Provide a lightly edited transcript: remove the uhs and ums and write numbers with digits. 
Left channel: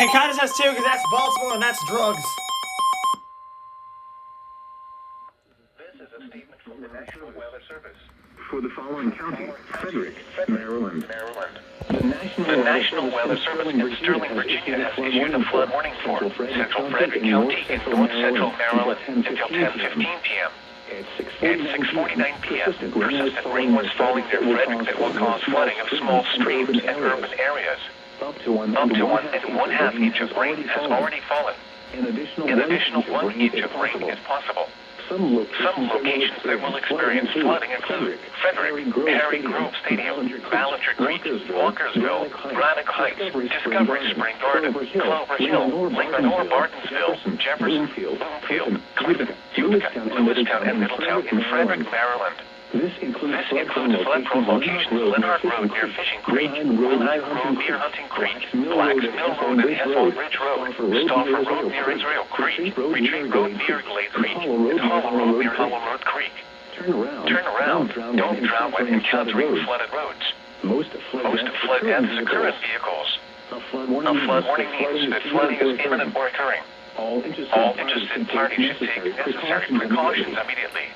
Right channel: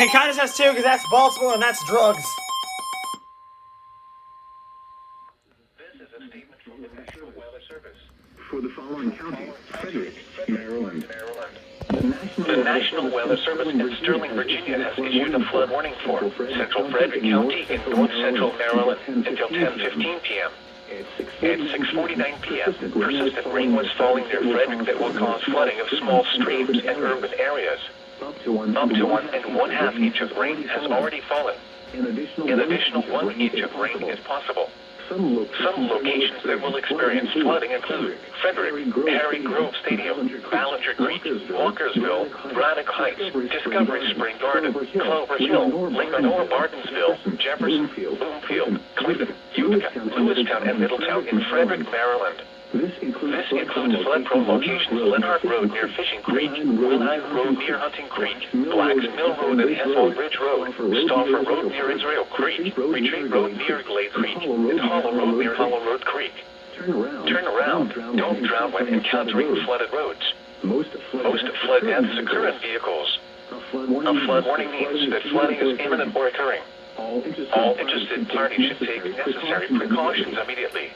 Okay, Kindness has two because that's Baltimore and that's drugs. This is a statement from the National Weather Service. For the following counties: Frederick, Maryland. The National Weather Service in Sterling, Virginia has issued a flood warning for Central Frederick County in north central Maryland until 10:15 p.m. At 6:49 p.m., persistent rain was falling near Frederick that will cause flooding of small streams and urban areas. Up to 1 1.5 inch of rain has already fallen. An An additional 1 inch of rain is possible. Some locations that will experience flooding include Frederick, Harry Grove Stadium, Ballinger Creek, Walkersville, Braddock Heights, Discovery Spring Garden, Clovers Hill, Lincoln, Bartonsville, Jefferson, Bloomfield, Utica, Lewistown, and Middletown in Frederick, Maryland. This includes flood-prone locations Leonard Road near Fishing Creek, Wilhite Road near Hunting Creek, Blacks Mill Road and Heffel Ridge Road, Stauffer Road near Israel Creek, Retreat Road near Glade Creek, and Hollow Road near Hollow Road Creek. Turn around. Don't drown when encountering flooded roads. Most flood deaths occur in vehicles. A flood warning means that flooding is imminent or occurring. All interested All interested parties should take necessary precautions immediately.